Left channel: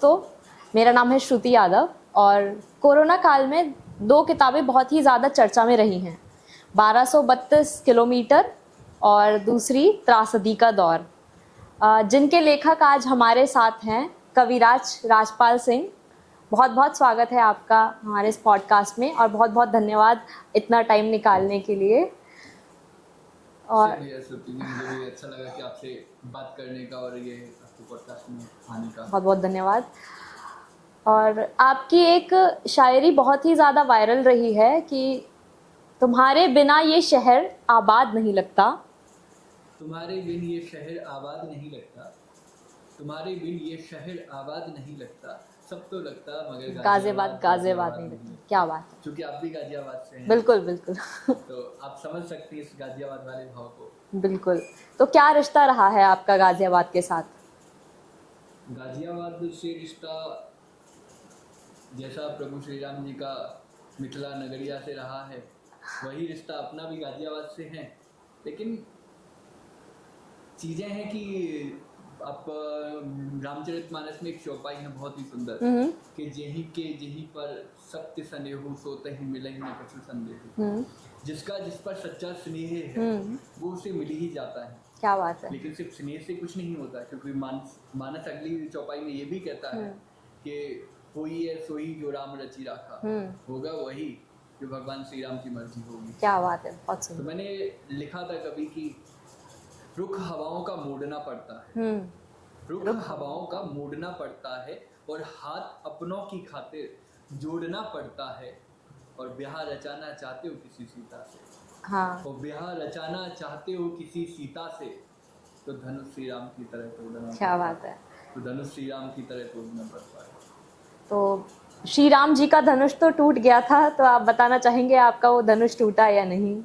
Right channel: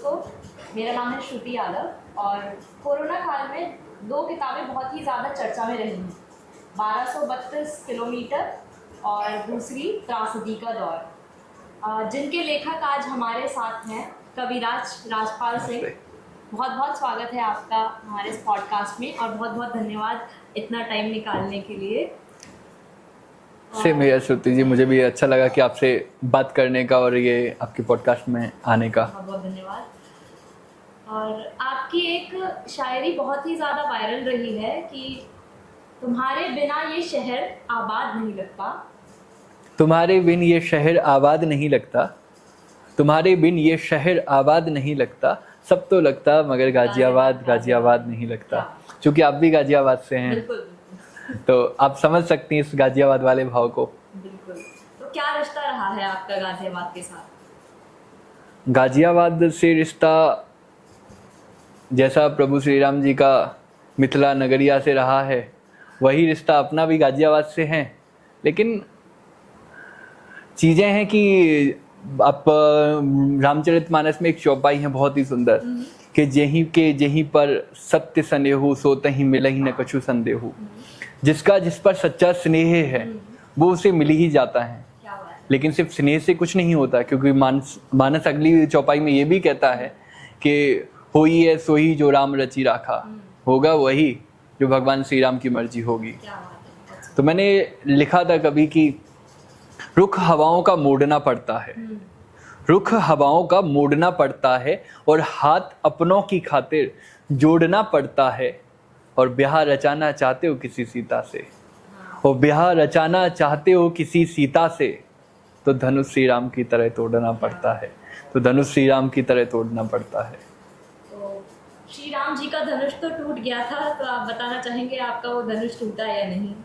दोस्तों, मेरा नाम है श्रुति यादव और कोरोना काल में दो किताबें बहुत ही ज़्यादा चर्चा में रही हैं, 1232 किलोमीटर और दूसरी त्रासदी का दौर, जिनके लेखक आज हमारे साथ हैं कविराज राजपाल सिंह। बहुत बहुत स्वागत है आपका हमारे इस पॉडकास्ट में और बहुत बहुत धन्यवाद इतना टाइम निकालने के लिए। से मेरा श्रुति जी, मुझे भी अच्छा लगा कि आपसे बात करने का और ये आपके पॉडकास्ट में आने का। बहुत बहुत धन्यवाद। और आपकी एक शायरी बहुत ही ज़्यादा वायरल रही है कि तुम्हारे बिना ये शहर आबाद नहीं लगता। तुम्हारे बिन ये शहर आबाद नहीं लगता, तुम्हारे बिन ये शहर आबाद नहीं लगता, सब तो लगता मगर गाजियाबाद नहीं लगता। क्योंकि आप भी गाजियाबाद से हैं। बिल्कुल बिल्कुल। तो आप समझ सकती हैं इस गाजियाबाद वाले भाव को। बिल्कुल। तो क्या रिश्ता रहा है आपका गाजियाबाद के साथ? गाजियाबाद से रिश्ता जैसा प्रभु श्री राम जी का मिथिला नगरिया से रहा है, वही रिश्ता अपना भी गाजियाबाद से है। लेकिन चीज़ें हैं कि आप रामचरितमानस में एक चौपाई है बहुत ही सुंदर कि जेहीं पर सत्य स्नेहु सो तहीं मिलहि न कछु संदेहु। जिसका जिस पर सच्चा स्नेह है वो उसे मिल ही जाता है। क्या बात है। लेकिन सिर्फ स्नेह से कुछ नहीं होता, क्योंकि मानस अगली चौपाई में ये भी कहता है कि होई है सोही जो राम रची राखा, होगा वही जो भगवान श्री राम की मर्जी होगी। क्या बात है। तो मैंने लिखा था कभी कि रुख हवाओं का मोड़ना पड़ता है, रुख हवाओं का मोड़ना पड़ता है और हाथ अपनों की खातिर जोड़ना पड़ता है, और ब्याह रचाना चाहते हो किसी सीता से। हाँ। और ब्याह रचाना चाहते हो किसी सीता से तो धनुष श्री राम की तरह तोड़ना पड़ता है। तो धनुष श्री राम की तरह तोड़ना पड़ता है। तो श्री राम जी का धनुष तो टूट गया था, तो आप बताना चाहेंगे आपका वो धनुष टूटा या नहीं?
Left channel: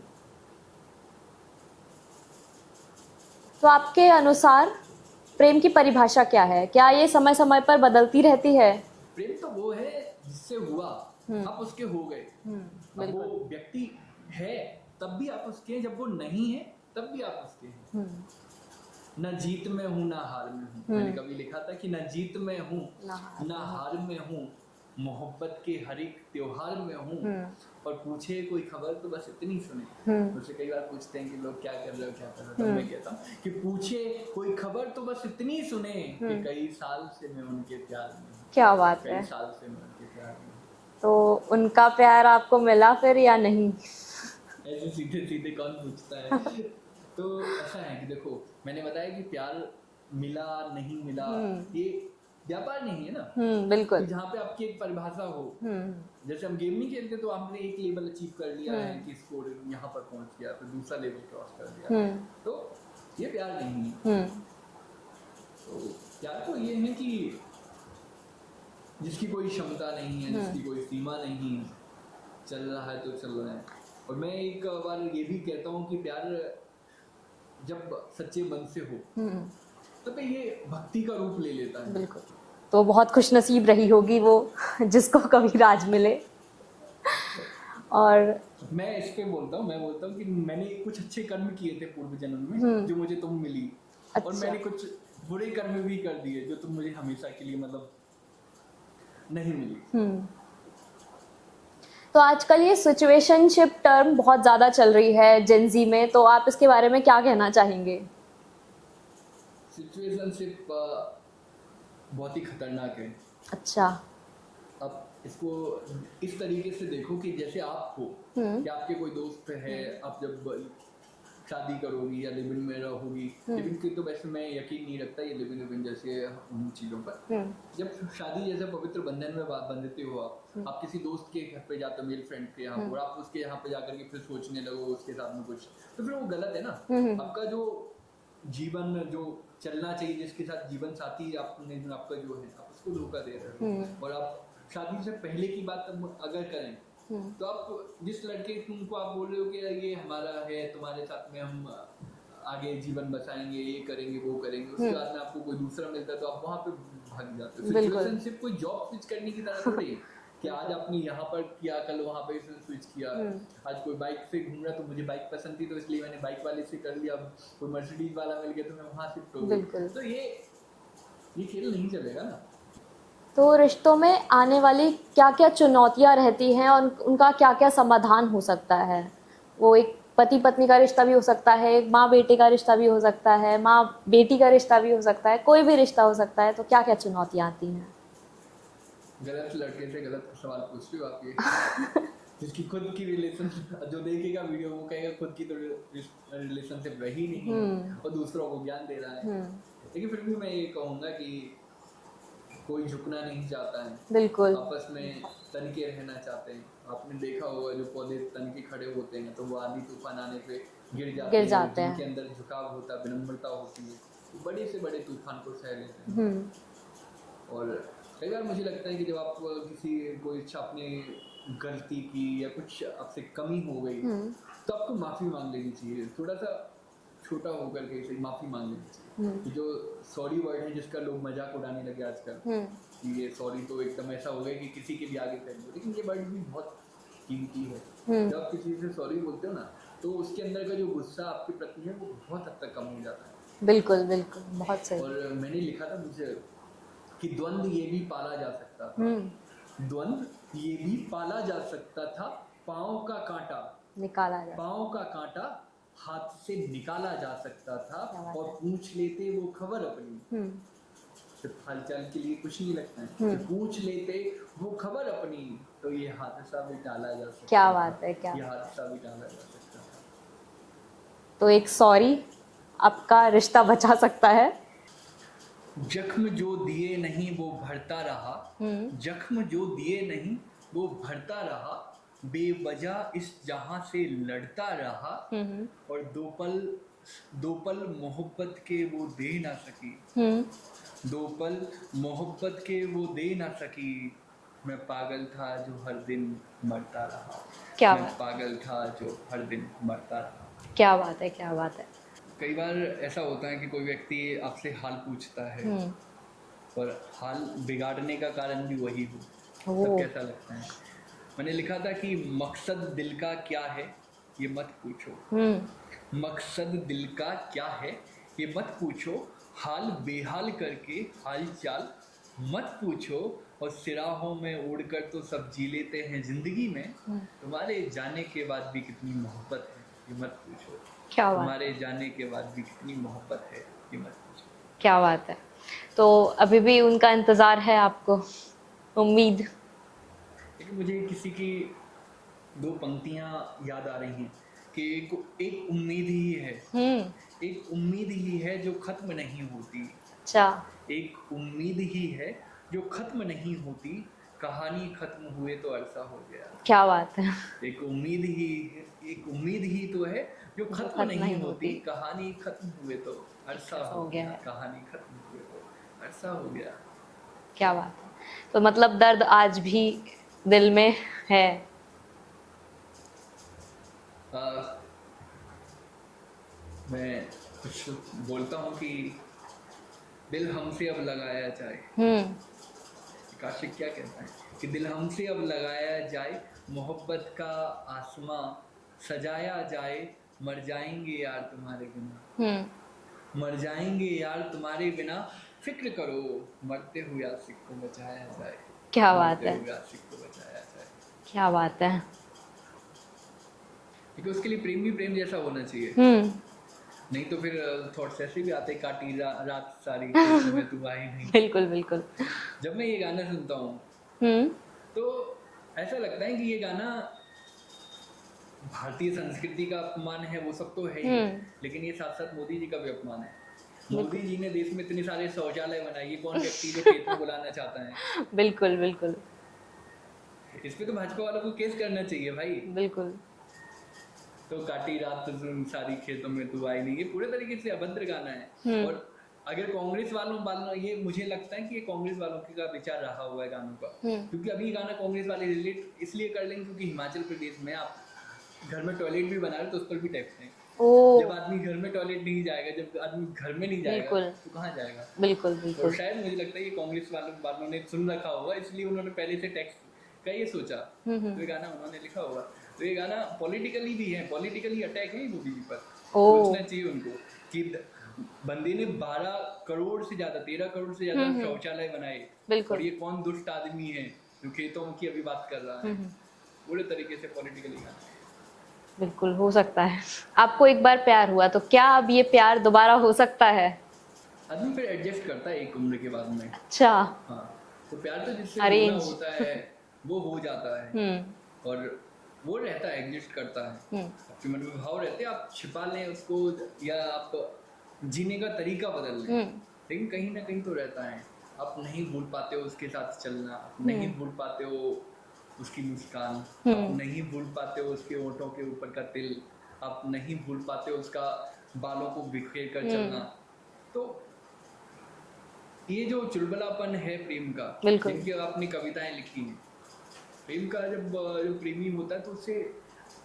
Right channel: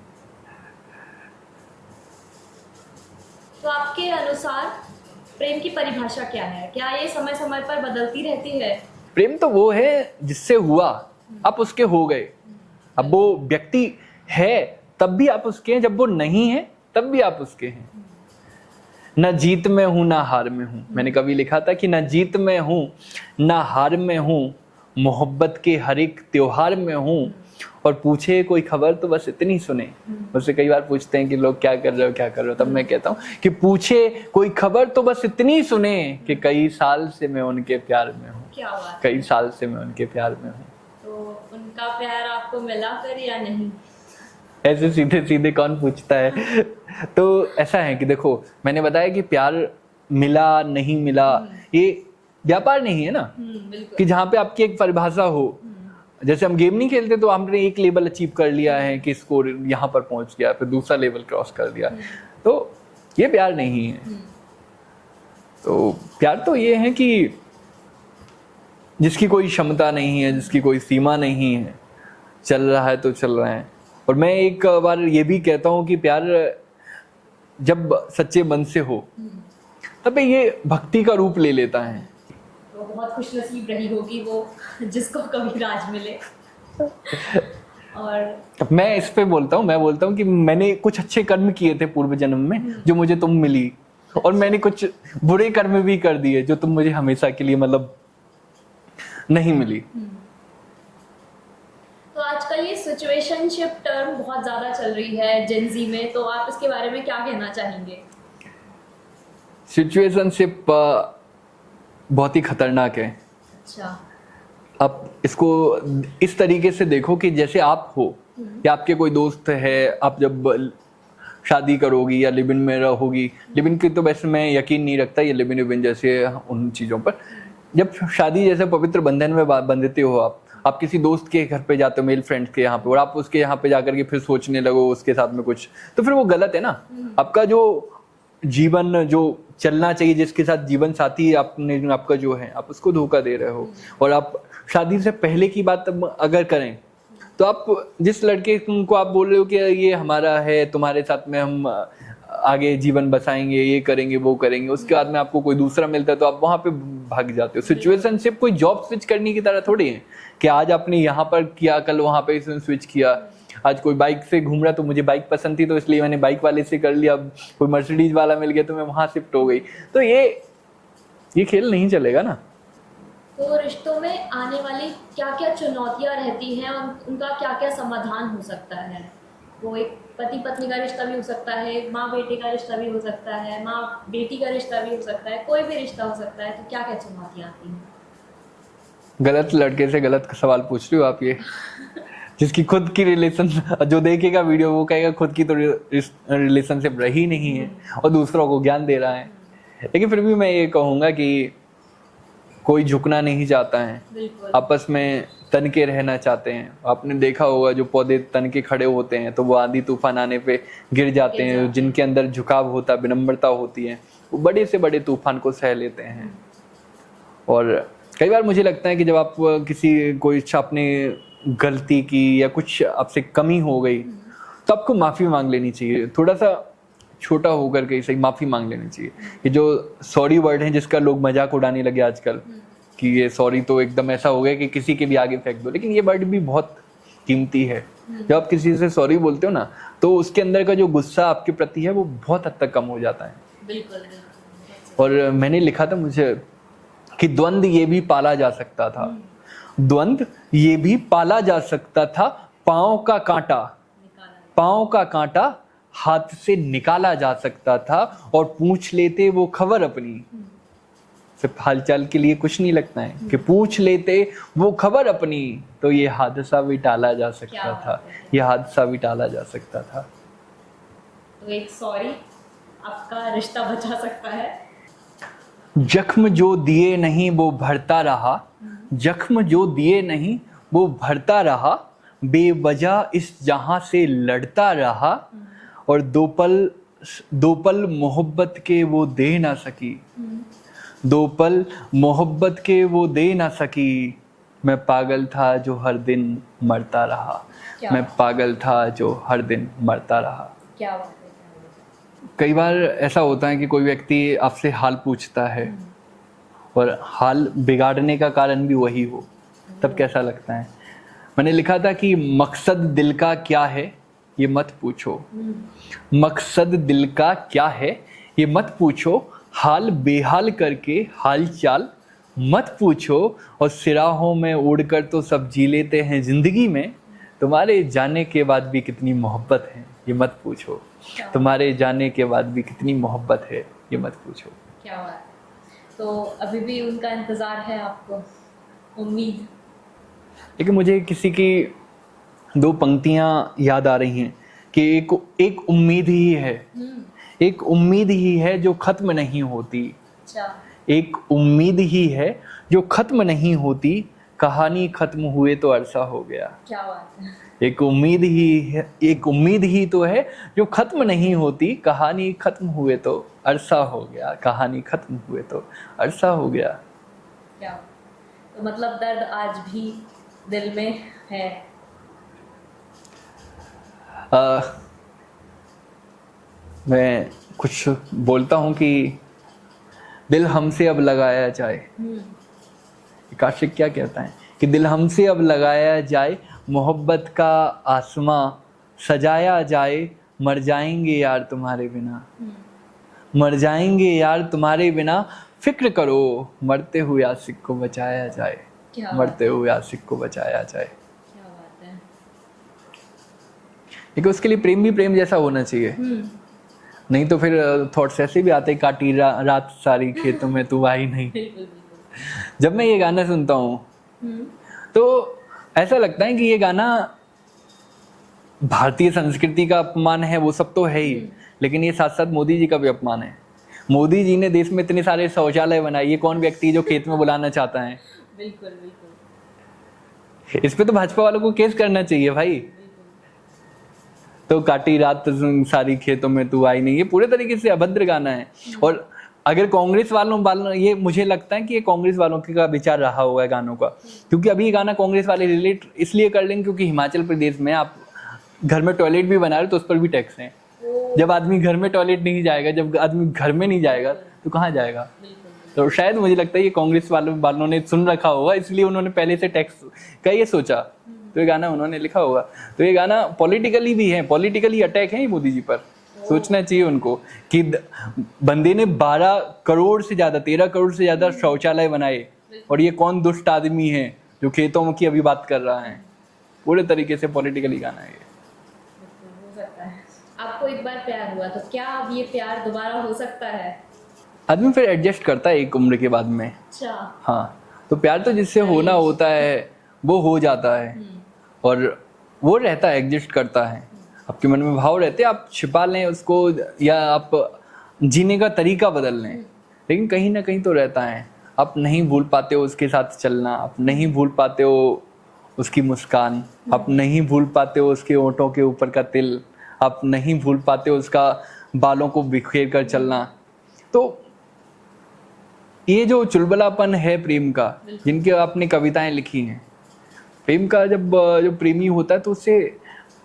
तो आपके अनुसार प्रेम की परिभाषा क्या है? क्या ये समय समय पर बदलती रहती है? प्रेम तो वो है जिससे हुआ, आप उसके हो गए। अब वो व्यक्ति है तब भी आप उसके हैं, जब वो नहीं है तब भी आप उसके हैं। न जीत में हूं ना हार में हूं। मैंने कभी लिखा था कि न जीत में हूं ना हार में हूं, मोहब्बत के हर एक त्योहार में हूं, और पूछे कोई खबर तो बस इतनी सुने। मुझसे कई बार पूछते हैं कि लोग क्या कर रहे हो क्या कर रहे हो, तब मैं कहता हूँ कि पूछे कोई खबर तो बस इतनी सुने कि कई साल से मैं उनके प्यार में हूँ। क्या बात कई है। साल से मैं उनके प्यार में हूँ। तो उनका प्यार आपको मिला फिर या नहीं? ऐसे सीधे सीधे कौन पूछता है। तो ऐसा है कि देखो, मैंने बताया कि प्यार मिला नहीं मिला ये व्यापार नहीं है ना। बिल्कुल। कि जहाँ पे आपकी एक परिभाषा हो। जैसे हम गेम नहीं खेलते तो हमने एक लेवल अचीव कर लिया है कि स्कोर यहाँ पर पहुंच गया, फिर दूसरा लेवल क्रॉस कर दिया। तो ये प्यार नहीं है। तो प्यार तो ये है कि जिसकी कोई क्षमता नहीं है, जिसकी कोई सीमा नहीं है, चल रहा है तो चल रहा है। और मैं एक बार ये भी कहता हूँ कि प्यार जब सच्चे मन से हो तब ये भक्ति का रूप ले लेता है। तो बहुत खुशनसीब रही होगी वो जिसको कविराज मिले। और मैं इस पे बोलता हूँ, मैं बोलता हूँ कि मैंने कुछ अच्छे कर्म किए थे पूर्व जन्म में जो मुझे तुम मिली। अच्छा। और मैंने कुछ बुरे कर्म भी कर दिए जो तुम मुझे हमेशा के लिए मतलब नहीं मिली। तो आजकल ये सिचुएशनशिप टर्म बहुत ज़्यादा चल रही है जेनजी में, तो आप इसके बारे में क्या कहना चाहेंगे? सिचुएशनशिप बहुत ही खतरनाक है। अच्छा। आप इसको इस तरीके से देखो कि जैसे आप हो या आपके कोई दोस्त है, आप जब शादी करोगी या लिव इन में रहोगी, लिव इन की तो वैसे मैं यकीन नहीं रखता, ये लिव इन जैसे उन चीज़ों पर। जब शादी जैसे पवित्र बंधन में बंधते हो आप किसी दोस्त के घर पे जाते हो, मेल फ्रेंड के यहाँ पे, और आप उसके यहाँ पे जाकर के फिर सोचने लगो उसके साथ में कुछ, तो फिर वो गलत है ना। आपका जो जीवन जो चलना चाहिए, जिसके साथ जीवन साथी आपने आपका जो है, आप उसको धोखा दे रहे हो। और आप शादी से पहले की बात अगर करें तो आप जिस लड़के को आप बोल रहे हो कि ये हमारा है, तुम्हारे साथ में हम आगे जीवन बसाएंगे, ये करेंगे वो करेंगे, उसके बाद में आपको कोई दूसरा मिलता है तो आप वहां पे भाग जाते हो। सिचुएशनशिप कोई जॉब स्विच करने की तरह थोड़ी है कि आज आपने यहाँ पर किया कल वहां पे स्विच किया। आज कोई बाइक से घूम रहा तो मुझे बाइक पसंद थी तो इसलिए मैंने बाइक वाले से कर लिया, कोई मर्सिडीज वाला मिल गया तो मैं वहां शिफ्ट हो गई। तो ये खेल नहीं चलेगा ना। तो रिश्तों में आने वाली क्या क्या चुनौतियाँ रहती हैं और उनका क्या क्या समाधान हो सकता है? वो एक पति पत्नी का रिश्ता भी हो सकता है, एक माँ बेटे का रिश्ता भी हो सकता है, माँ बेटी का रिश्ता भी हो सकता है, कोई भी रिश्ता हो सकता है, तो क्या क्या चुनौतियाँ आती हैं? गलत लड़के से गलत सवाल पूछ रही हो आप ये। जिसकी खुद की रिलेशन, जो देखेगा वीडियो वो कहेगा खुद की तो रिलेशनशिप रही नहीं है और दूसरों को ज्ञान दे रहा है। लेकिन फिर भी मैं ये कहूँगा कि कोई झुकना नहीं चाहता है, बिल्कुल। आपस में तन के रहना चाहते हैं। आपने देखा होगा जो पौधे तन के खड़े होते हैं तो वो आंधी तूफान आने पे गिर जाते हैं। जिनके अंदर झुकाव होता है, विनम्रता होती है, वो बड़े से बड़े तूफान को सह लेते हैं। और कई बार मुझे लगता है कि जब आप किसी कोई आपने गलती की या कुछ आपसे कमी हो गई तो आपको माफी मांग लेनी चाहिए। थोड़ा सा छोटा होकर के सही माफी मांग लेनी चाहिए। ये जो सॉरी वर्ड है जिसका लोग मजाक उड़ाने लगे आजकल कि ये सॉरी तो एकदम ऐसा हो गया कि किसी के भी आगे फेंक दो, लेकिन ये वर्ड भी बहुत कीमती है। जब आप किसी से सॉरी बोलते हो ना तो उसके अंदर का जो गुस्सा आपके प्रति है वो बहुत हद तक कम हो जाता है। बिल्कुल बिल्कुल, बहुत सही। और मैंने लिखा था मुझे कि द्वंद्व ये भी पाला जा सकता था, द्वंद्व ये भी पाला जा सकता था, पाँव का कांटा निकाला जाए, पाँव का कांटा हाथ से निकाला जा सकता था और पूछ लेते वो खबर अपनी। सिर्फ हालचाल के लिए कुछ नहीं लगता है कि पूछ लेते वो खबर अपनी तो ये हादसा भी टाला जा सकता था, ये हादसा भी टाला जा सकता था। तो एक सॉरी आपका रिश्ता बचा सकता है। जख्म जो दिए नहीं वो भरता रहा, जख्म जो दिए नहीं वो भरता रहा, बेवजह इस जहां से लड़ता रहा और दो पल मोहब्बत के वो दे ना सकी, दो पल मोहब्बत के वो दे ना सकी। मैं पागल था जो हर दिन मरता रहा, मैं पागल था जो हर दिन मरता रहा। क्या बात है, क्या बात है। कई बार ऐसा होता है कि कोई व्यक्ति आपसे हाल पूछता है और हाल बिगाड़ने का कारण भी वही हो, तब कैसा लगता है। मैंने लिखा था कि मकसद दिल का क्या है ये मत पूछो, मकसद दिल का क्या है ये मत पूछो, हाल बेहाल करके हाल चाल मत पूछो, और सिराहों में उड़कर तो सब जी लेते हैं जिंदगी में, तुम्हारे जाने के बाद भी कितनी मोहब्बत है ये मत पूछो, तुम्हारे जाने के बाद भी कितनी मोहब्बत है ये मत पूछो। क्या बात है। तो अभी भी उनका इंतजार है आपको, उम्मीद। लेकिन मुझे किसी की दो पंक्तियां याद आ रही हैं कि एक उम्मीद ही है, एक उम्मीद ही है जो खत्म नहीं होती। अच्छा। एक उम्मीद ही है जो खत्म नहीं होती, कहानी खत्म हुए तो अरसा हो गया। क्या बात है। एक उम्मीद ही है, एक उम्मीद ही तो है जो खत्म नहीं होती, कहानी खत्म हुए तो अरसा हो गया, कहानी खत्म हुए तो अरसा हो गया। क्या बात। तो मतलब दर्द आज भी दिल में है। मैं कुछ बोलता हूँ कि दिल हमसे अब लगाया जाए। काशिक क्या कहता है कि दिल हमसे अब लगाया जाए, मोहब्बत का आसमां सजाया जाए, मर जाएंगे यार तुम्हारे बिना, मर जाएंगे यार तुम्हारे बिना, फिक्र करो मरते हुए आशिक को बचाया जाए। क्या बात है। मरते हुए आशिक को बचाया जाए। क्या बात है। लेकिन उसके लिए प्रेम भी प्रेम जैसा होना चाहिए, नहीं तो फिर थॉट्स ऐसे भी आते हैं, काटी रात सारी खेतों में तू आई नहीं। बिल्कुल बिल्कुल। जब मैं ये गाना सुनता हूँ तो ऐसा लगता है कि ये गाना भारतीय संस्कृति का अपमान है, वो सब तो है ही, लेकिन ये साथ साथ मोदी जी का भी अपमान है। मोदी जी ने देश में इतने सारे शौचालय बनाए, ये कौन व्यक्ति जो खेत में बुलाना चाहता है। बिल्कुल बिल्कुल। इस पे तो भाजपा वालों को केस करना चाहिए भाई। बिल्कुल। तो काटी रात सारी खेतों में तू आई नहीं, ये पूरे तरीके से अभद्र गाना है। और अगर कांग्रेस वालों ये मुझे लगता है कि ये कांग्रेस वालों का विचार रहा होगा गानों का, क्योंकि अभी ये गाना कांग्रेस वाले रिलेट इसलिए कर लेंगे क्योंकि हिमाचल प्रदेश में आप घर में टॉयलेट भी बना रहे तो उस पर भी टैक्स है। जब आदमी घर में टॉयलेट नहीं जाएगा, जब आदमी घर में नहीं जाएगा तो कहाँ जाएगा। बिल्कुल। तो शायद मुझे लगता है ये कांग्रेस वालों ने सुन रखा होगा, इसलिए उन्होंने पहले से टैक्स का ये सोचा, तो ये गाना उन्होंने लिखा होगा। तो ये गाना पॉलिटिकली भी है, पॉलिटिकली अटैक है ये मोदी जी पर। सोचना चाहिए उनको कि बंदे ने 12 करोड़ से ज्यादा 13 करोड़ से ज्यादा शौचालय बनाए, बिल्कुल। और ये कौन दुष्ट आदमी है जो खेतों की अभी बात कर रहा है। पूरे तरीके से पॉलिटिकली गाना है ये। बिल्कुल हो सकता है। आपको एक बार प्यार हुआ तो क्या अब ये प्यार दोबारा हो सकता है? आदमी फिर एडजस्ट करता है एक उम्र के बाद में। अच्छा। हाँ, तो प्यार तो जिससे होना Arrange। होता है वो हो जाता है, और वो रहता है, एग्जिस्ट करता है। आपके मन में भाव रहते हैं, आप छिपा लें उसको या आप जीने का तरीका बदल लें, लेकिन कहीं ना कहीं तो रहता है। आप नहीं भूल पाते हो उसके साथ चलना, आप नहीं भूल पाते हो उसकी मुस्कान, आप नहीं भूल पाते हो उसके होंठों के ऊपर का तिल, आप नहीं भूल पाते हो उसका बालों को बिखेर कर चलना। तो ये जो चुलबुलापन है प्रेम का, बिल्कुल। जिनके आपने कविताएं लिखी हैं, प्रेम का जब जो प्रेमी होता है तो उससे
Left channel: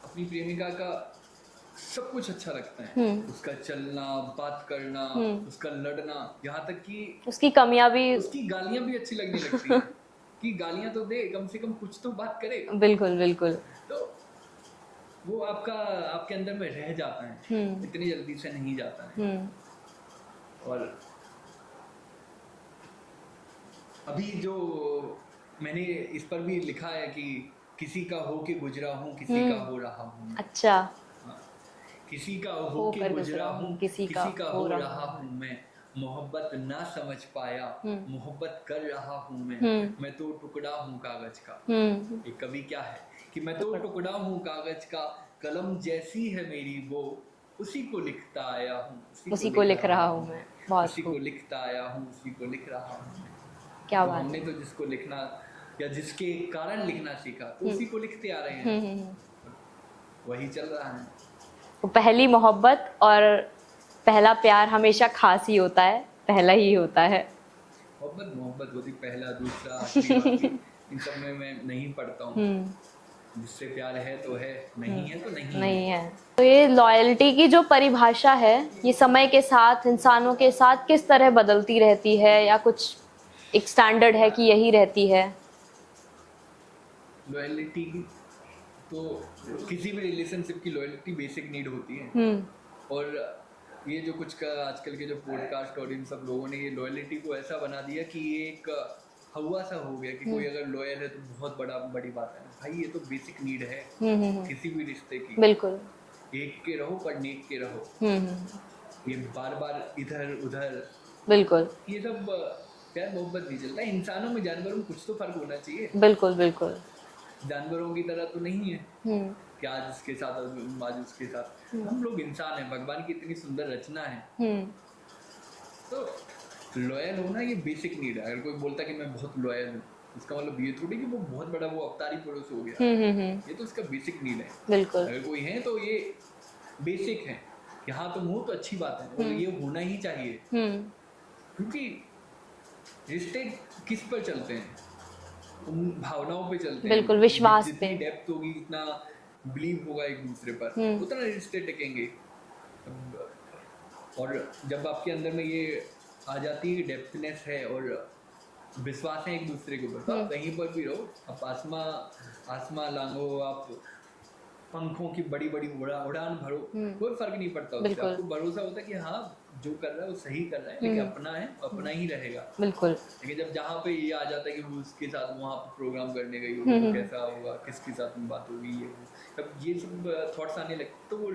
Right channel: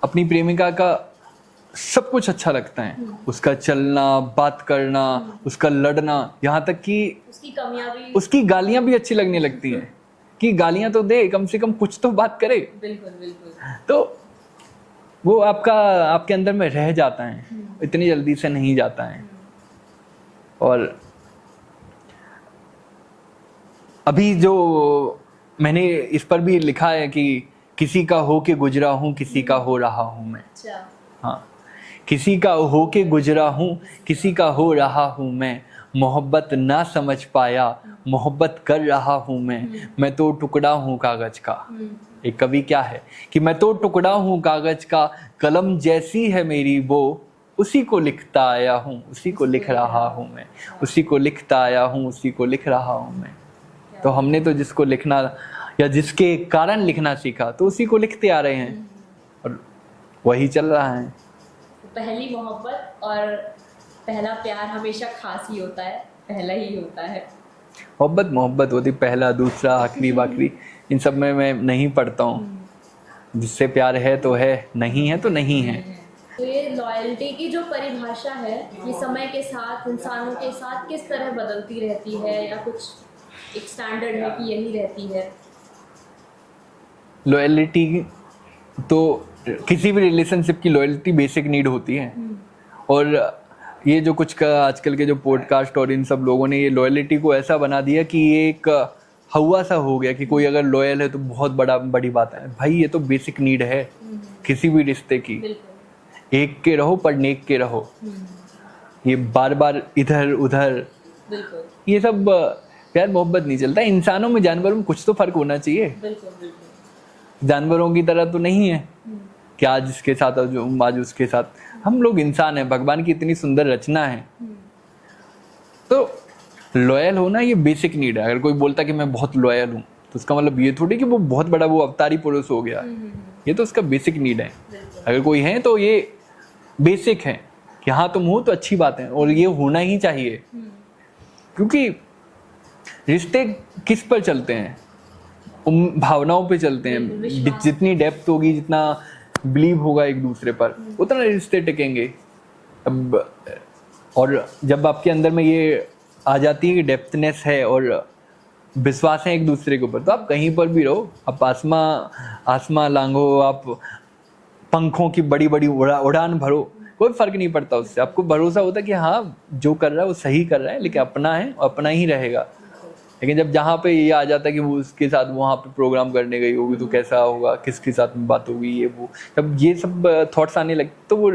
अपनी प्रेमिका का सब कुछ अच्छा लगता है। उसका चलना, बात करना, उसका लड़ना, यहाँ तक कि उसकी कमियां भी। उसकी गालियां भी अच्छी लगने लगती हैं कि गालियां तो दे, कम से कम कुछ तो बात करे। बिल्कुल बिल्कुल। तो वो आपके अंदर में रह जाता है, इतनी जल्दी से नहीं जाता है। और अभी जो मैंने इस पर भी लिखा है कि किसी का हो के गुजरा हूँ, किसी का हो रहा हूँ मैं। अच्छा। हाँ, किसी का हो के गुजरा हूँ, किसी का हो रहा हूँ मैं, मोहब्बत ना समझ पाया, मोहब्बत कर रहा हूँ मैं तो टुकड़ा हूँ कागज का। एक कवि क्या है कि मैं तो टुकड़ा हूँ कागज का, कलम जैसी है मेरी वो, उसी को लिखता आया हूँ, उसी को लिख रहा हूँ मैं, उसी को लिखता आया हूँ, उसी को लिख रहा हूँ मैं। तो हमने तो जिसको लिखना या जिसके कारण लिखना सीखा तो उसी को लिखते आ रहे हैं, और वही चल रहा है। तो पहली मोहब्बत और पहला प्यार हमेशा खास ही होता है, पहला ही होता है। मोहब्बत मोहब्बत होती, पहला दूसरा आखिरी बाखिरी इन सब में मैं नहीं पढ़ता हूँ। जिससे प्यार है तो है, नहीं है तो नहीं है। तो ये लॉयल्टी की जो परिभाषा है, ये समय के साथ, इंसानों के साथ किस तरह बदलती रहती है, या कुछ एक स्टैंडर्ड है कि यही रहती है? लॉयल्टी तो किसी भी रिलेशनशिप की लॉयल्टी बेसिक नीड होती है। और ये जो कुछ का आजकल के जो पॉडकास्ट और इन सब लोगों ने ये लॉयल्टी को ऐसा बना दिया कि ये एक हवा सा हो गया कि कोई अगर लॉयल है तो बहुत बड़ी बात है। भाई ये तो बेसिक नीड है किसी भी रिश्ते की। बिल्कुल। एक के रहो पर नेक के रहो। ये बार बार इधर उधर, बिल्कुल, ये सब प्यार मोहब्बत नहीं चलता। इंसानों में जानवरों में कुछ तो फर्क होना चाहिए। बिल्कुल बिल्कुल। जानवरों की तरह तो नहीं है कि आज इसके साथ जो आज उसके साथ। हम लोग इंसान हैं, भगवान की इतनी सुंदर रचना है। तो लॉयल होना ये बेसिक नीड है। अगर कोई बोलता कि मैं बहुत लॉयल हूँ तो उसका मतलब ये थोड़ी कि वो बहुत बड़ा वो अवतारी पुरुष हो गया। ये तो उसका बेसिक नीड है। बिल्कुल। अगर कोई है तो ये बेसिक है कि हाँ तुम हो तो अच्छी बात है, और ये होना ही चाहिए। क्योंकि रिश्ते किस पर चलते हैं? भावनाओं पे चलते हैं। जितनी डेप्थ होगी, जितना बिलीव होगा एक दूसरे पर, उतना रिश्ते टिकेंगे। अब और जब आपके अंदर में ये आ जाती है कि डेप्थनेस है और विश्वास है एक दूसरे के ऊपर, तो आप कहीं पर भी रहो, आप आसमां लांघो, आप पंखों की बड़ी बड़ी उड़ान भरो, कोई फर्क नहीं पड़ता उससे। आपको भरोसा होता है कि हाँ जो कर रहा है वो सही कर रहा है, लेकिन अपना है, अपना ही रहेगा। बिल्कुल। लेकिन जब जहाँ पे ये आ जाता है कि वो उसके साथ वहाँ पे प्रोग्राम करने गई होगी तो कैसा होगा, किसके साथ में बात होगी, ये वो, जब ये सब थॉट्स आने लगते तो वो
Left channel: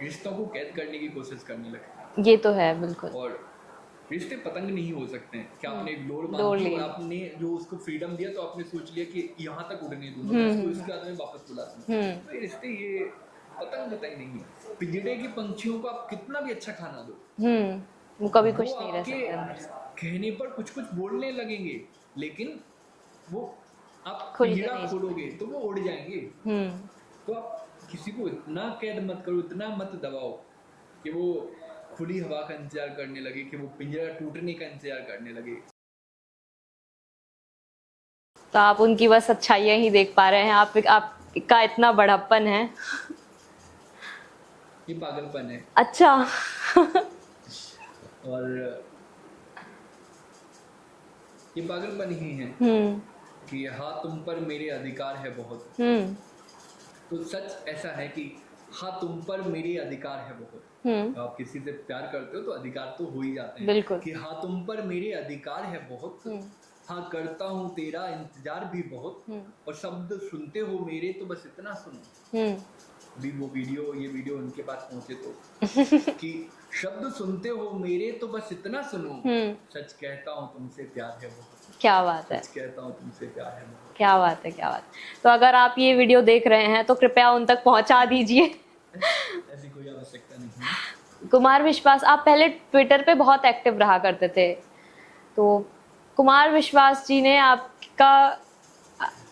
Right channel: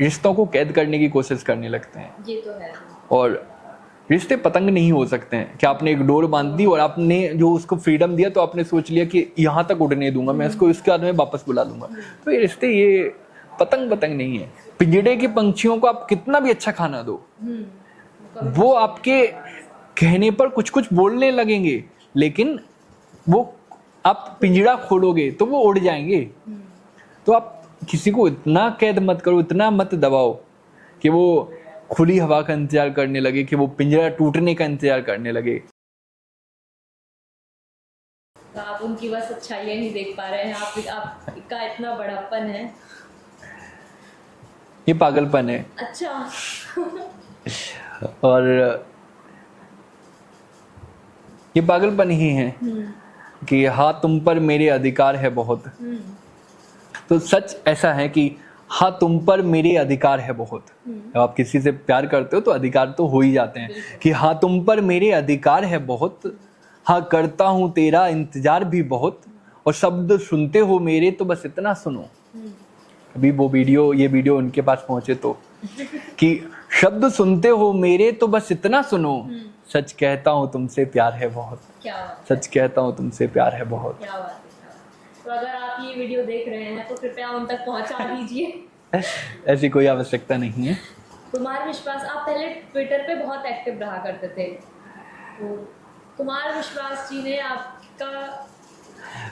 रिश्तों को कैद करने की कोशिश करने लगते हैं। ये तो है, बिल्कुल। और रिश्ते पतंग नहीं हो सकते हैं कि आपने एक डोर बांध दी और आपने जो उसको फ्रीडम दिया तो आपने सोच लिया कि यहाँ तक उड़ने दूंगा मैं इसको, इसके बाद में वापस बुला दूंगा। तो ये रिश्ते ये पतंग नहीं है। पिंजड़े के पंछियों को आप कितना भी अच्छा खाना दो, वो आपके कहने पर कुछ कुछ बोलने लगेंगे, लेकिन वो आप पिंजड़ा खोलोगे तो वो उड़ जाएंगे। तो आप किसी को इतना कैद मत करो, इतना मत दबाओ कि वो खुली हवा का इंतजार करने लगे, कि वो पिंजरा टूटने का इंतजार करने लगे। तो आप उनकी बस अच्छाइयां ही देख पा रहे हैं। आपका इतना बड़प्पन है। ये पागलपन है। अच्छा। और ये पागलपन ही है कि हाँ तुम पर मेरे अधिकार है बहुत। तो सच ऐसा है कि हाँ तुम पर मेरे अधिकार है बहुत। जब आप किसी से प्यार करते हो तो अधिकार तो हो ही जाते हैं कि हाँ तुम पर मेरे अधिकार है बहुत, हाँ करता हूँ तेरा इंतजार भी बहुत, और शब्द सुनते हो मेरे तो बस इतना सुनो। अभी ये वीडियो उनके पास पहुंचे तो कि शब्द सुनते हो मेरे तो बस इतना सुनो, सच कहता हूँ तुमसे प्यार है बहुत। क्या बात है, सच कहता हूँ तुमसे प्यार है बहुत। क्या बात है, क्या बात है। तो अगर आप ये वीडियो देख रहे हैं तो कृपया उन तक पहुंचा दीजिए। ऐसी कोई आवश्यकता नहीं है। कुमार विश्वास, आप पहले ट्विटर पे बहुत एक्टिव रहा करते थे, तो कुमार विश्वास जी ने आपका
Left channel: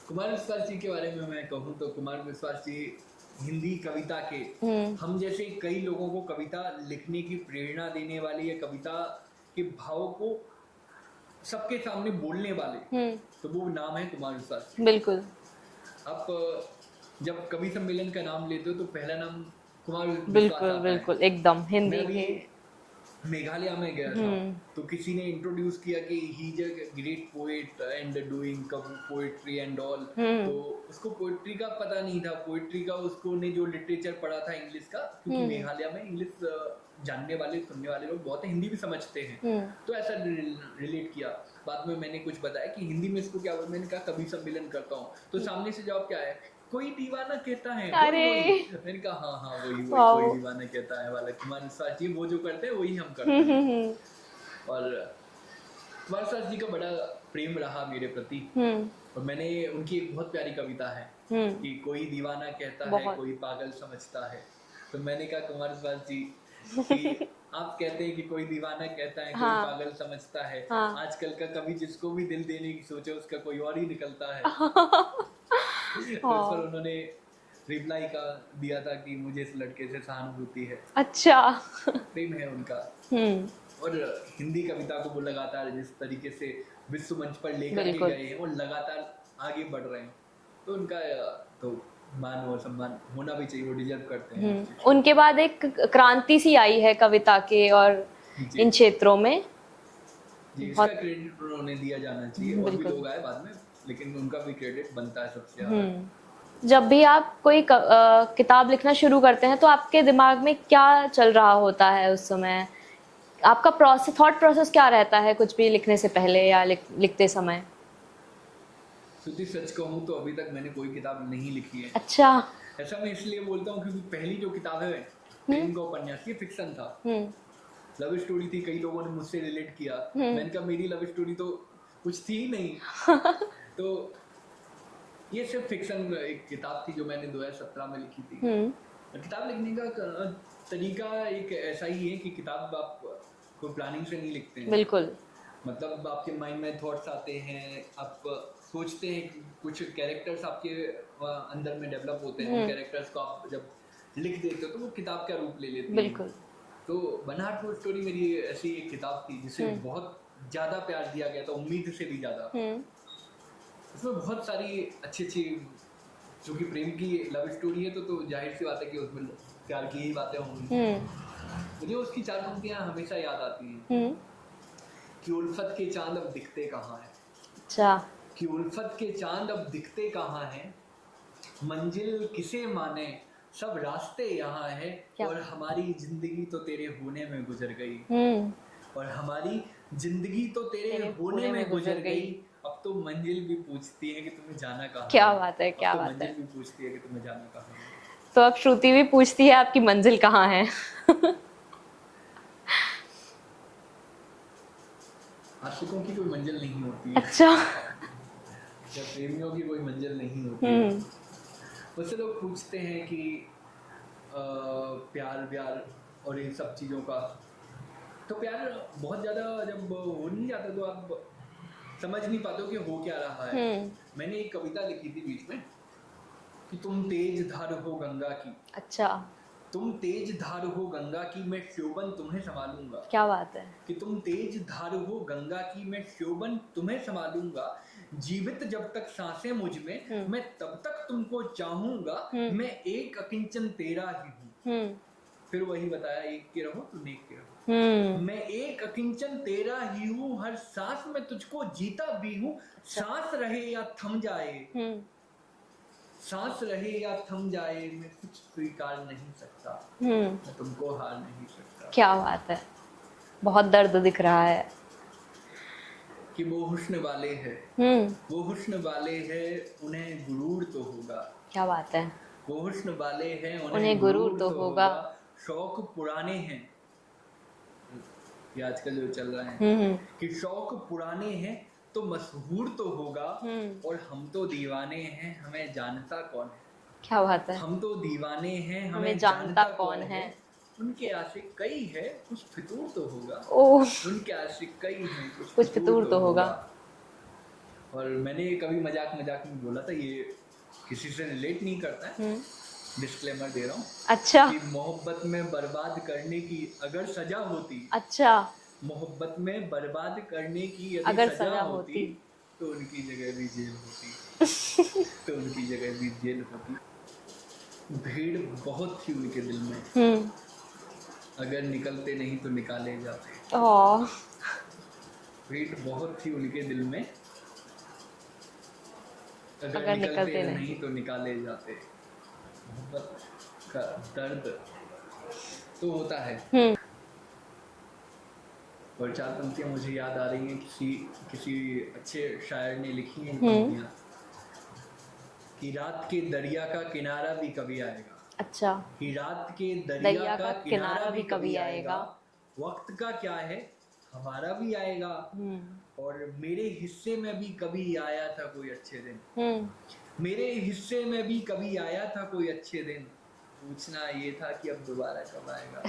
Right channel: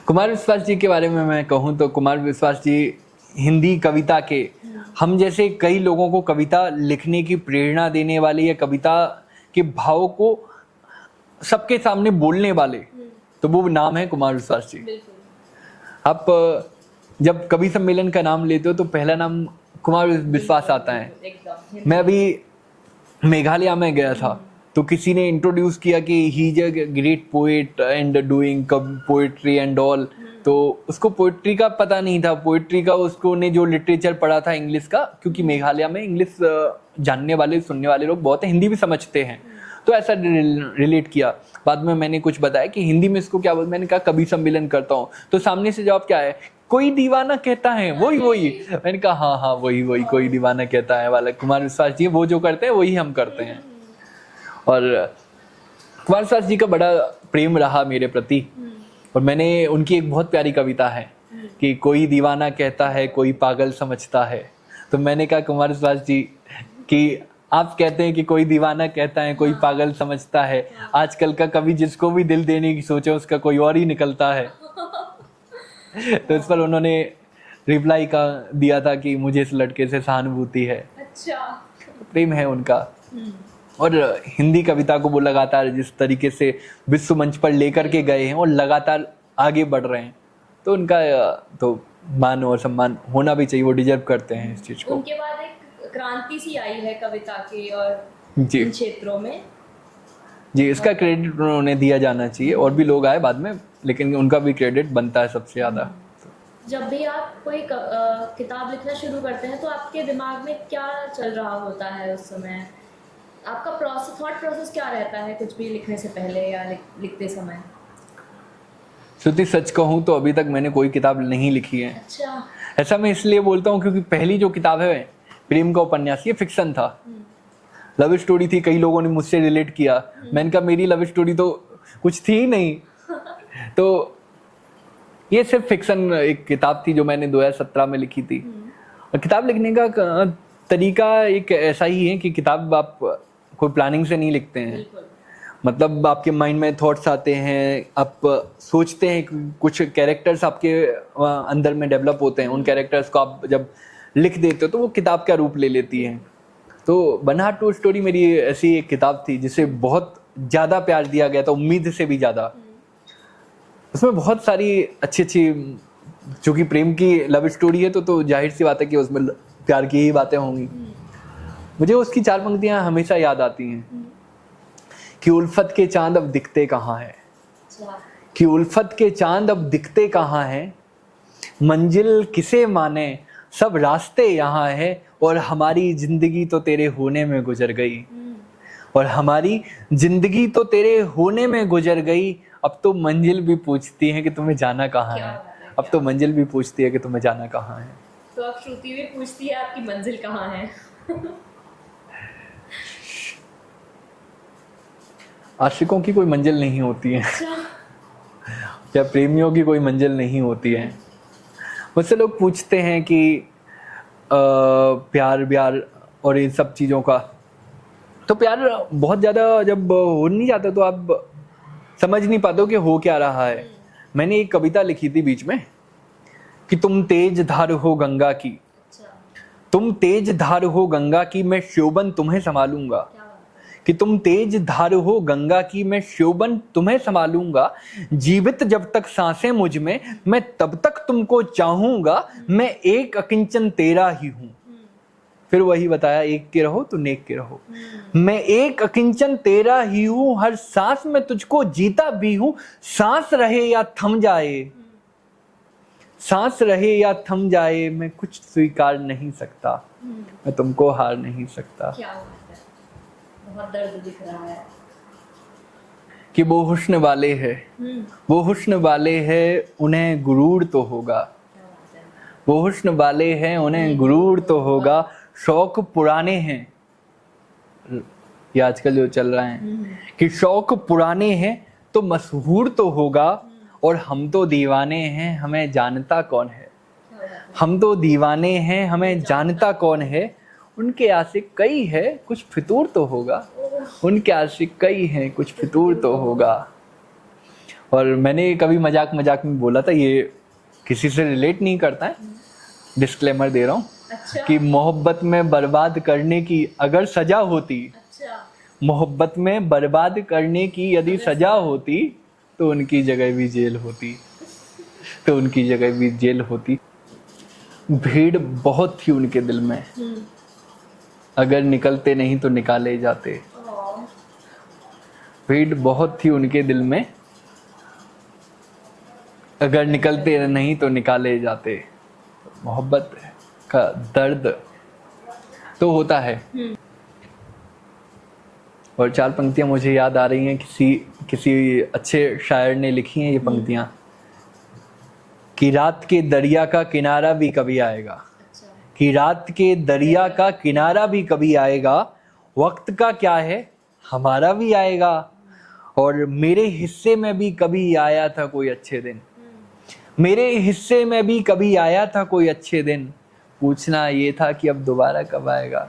कुमार विश्वास जी के बारे में मैं कहूँ तो कुमार विश्वास जी हिंदी कविता के हम जैसे कई लोगों को कविता लिखने की प्रेरणा देने वाले या कविता के भाव को सबके सामने बोलने वाले, तो वो नाम है कुमार विश्वास जी। बिल्कुल। आप जब कवि सम्मेलन का नाम लेते हो तो पहला नाम कुमार विश्वास आता है। बिल्कुल, एकदम हिंदी। मैं अभी मेघालय में गया था तो किसी ने इंट्रोड्यूस किया कि he is a great poet and doing poetry and all, तो उसको पोएट्री का पता नहीं था। पोएट्री का उसको ने जो लिटरेचर पढ़ा था इंग्लिश का, क्योंकि मेघालय में इंग्लिश जानने वाले सुनने वाले लोग बहुत है, हिंदी भी समझते हैं, तो ऐसा रिलेट किया। बाद में मैंने कुछ बताया कि हिंदी में इसको क्या बोलते, मैंने कहा कवि सम्मेलन करता हूँ, तो सामने से जवाब क्या है, कोई दीवाना कहता है, वही। मैंने कहा हाँ वही कोई दीवाना कहता है वाला कुमार विश्वास जी, वो जो करते हैं वही हम करते हैं। और कुमार विश्वास जी का बड़ा प्रेम रहा मेरे प्रति, और मैंने उनकी एक बहुत प्यारी कविता है कि कोई दीवाना कहता है कोई पागल समझता है, तो मैंने कहा कुमार विश्वास जी कि आप कहते हैं कि कोई दीवाना कहता है कोई पागल समझता है, आजकल का कवि जिसको भी दिल देने की सोचे उसका कोई और ही निकलता है। तो इस पर उन्होंने रिप्लाई का दिया था कि मुझे इस लड़के से सहानुभूति है। अच्छा। प्रेम है उनका। और हिंदी कविता को वो लगातार जिस तरीके से विश्व मंच पर लेकर के गए हैं और लगातार आगे बढ़ रहे हैं, तो उनका तो मान और सम्मान होना भी चाहिए, वो डिजर्व करते हैं इस चीज को। उनके बाद एक क्रांति सी आई है कविता के और इन क्षेत्रों में जी, इसका क्रेडिट उन्हें दिया जाना चाहिए, और भी लोग आए बाद में, लेकिन उनका भी क्रेडिट बनता है सबसे ज्यादा। जब भी आप कोई किताब लिखना शुरू करते हैं तो आपके दिमाग में क्या चल रहा होता है उस समय? आपका थॉट प्रोसेस क्या रहता है कुछ भी लिखने से पहले या लिखते समय? श्रुति सच कहूँ तो अभी तक मैंने कोई किताब नहीं लिखी है। अच्छा। ऐसा मैं इसलिए बोलता हूँ क्योंकि पहली जो किताब है प्रेम का उपन्यास, ये फिक्शन था, लव स्टोरी थी। कई लोगों ने मुझसे रिलेट किया, मैंने कहा मेरी लव स्टोरी तो कुछ थी ही नहीं। तो ये सिर्फ फिक्शन एक किताब थी जो मैंने 2017 में लिखी थी। और किताब लिखने का तरीका एक ऐसा ही है कि किताब आप कोई प्लानिंग से नहीं लिखते हैं। बिल्कुल। मतलब आपके माइंड में थॉट्स आते हैं, आप सोचते हैं, कुछ कैरेक्टर्स आपके अंदर में डेवलप होते हैं, उन कैरेक्टर्स को आप जब लिख देते हो तो वो किताब का रूप ले लेती है। तो बन्हा टू स्टोरी मेरी ऐसी एक किताब थी जिसे बहुत ज्यादा प्यार दिया गया था, उम्मीद से भी ज्यादा। उसमें बहुत सारी अच्छी चूंकि प्रेम की लव स्टोरी है तो जाहिर सी बात है कि उसमें प्यार की ही बातें होंगी। मुझे उसकी 4 पंक्तियां हमेशा याद आती हैं कि उल्फत के चांद अब दिखते कहाँ हैं। अच्छा। कि उल्फत के चांद अब दिखते कहाँ हैं, मंजिल किसे माने सब रास्ते यहाँ है, और हमारी जिंदगी तो तेरे होने में गुजर गई। और हमारी जिंदगी तो तेरे होने में गुजर गई, अब तो मंजिल भी पूछती है कि तुम्हें जाना कहाँ है। क्या बात है, अब तो मंजिल भी पूछती है कि तुम्हें जाना कहाँ है। तो अब श्रुति भी पूछती है आपकी मंजिल कहाँ है। आशिकों की कोई मंजिल नहीं होती है। अच्छा। या प्रेमियों की कोई मंजिल नहीं होती है। मुझसे लोग पूछते हैं कि प्यार व्यार और इन सब चीज़ों का, तो प्यार बहुत ज़्यादा जब हो नहीं जाता तो आप समझ नहीं पाते हो कि हो क्या रहा है। मैंने एक कविता लिखी थी बीच में कि तुम तेज धार हो गंगा की। अच्छा। तुम तेज धार हो गंगा की, मैं शोभन तुम्हें संभालूंगा। क्या बात है। कि तुम तेज धार हो गंगा की, मैं शोभन तुम्हें संभालूंगा, जीवित जब तक सांसें मुझ में, मैं तब तक तुमको चाहूंगा, मैं एक अकिंचन तेरा ही हूँ। फिर वही बताया, एक के रहो तो नेक के रहो। मैं एक अकिंचन तेरा ही हूँ, हर सांस में तुझको जीता भी हूँ, सांस रहे या थम जाए, सांस रहे या थम जाए, मैं कुछ स्वीकार नहीं सकता, मैं तुमको हार नहीं सकता। क्या बात है, बहुत दर्द दिख रहा है। कि वो हुस्न वाले हैं, वो हुस्न वाले हैं, उन्हें गुरूर तो होगा। क्या बात है। वो हुस्न वाले हैं, उन्हें गुरूर तो होगा। शौक पुराने हैं, ये आजकल जो चल रहा है कि शौक पुराने हैं तो मशहूर तो होगा, और हम तो दीवाने हैं, हमें जानता कौन है। क्या बात है। हम तो दीवाने हैं, हमें जानता कौन है। उनके आशिक कई है, कुछ फितूर तो होगा। ओह, उनके आशिक कई हैं, कुछ फितूर तो होगा। और मैंने कभी मजाक मजाक में बोला था, ये किसी से रिलेट नहीं करता है, डिस्क्लेमर दे रहा हूँ, अच्छा कि मोहब्बत में बर्बाद करने की अगर सजा होती, अच्छा, मोहब्बत में बर्बाद करने की यदि सजा होती तो उनकी जगह भी जेल होती। तो उनकी जगह भी जेल होती। भीड़ बहुत थी उनके दिल में, अगर निकलते नहीं तो निकाले जाते। ओह, भीड़ बहुत थी उनके दिल में, अगर निकलते नहीं तो निकाले जाते। मोहब्बत का दर्द तो होता है। और 4 पंक्तियां मुझे याद आ रही हैं, किसी अच्छे शायर ने लिखी हैं ये पंक्तियां, कि रात के दरिया का किनारा भी कभी आएगा। अच्छा, कि रात के दरिया का किनारा भी कभी आएगा, वक्त का क्या है हमारा भी आएगा, और मेरे हिस्से में भी कभी आया था कोई अच्छे दिन। मेरे हिस्से में भी कभी आया था कोई अच्छे दिन, पूछना ये था कि अब दोबारा कब आएगा।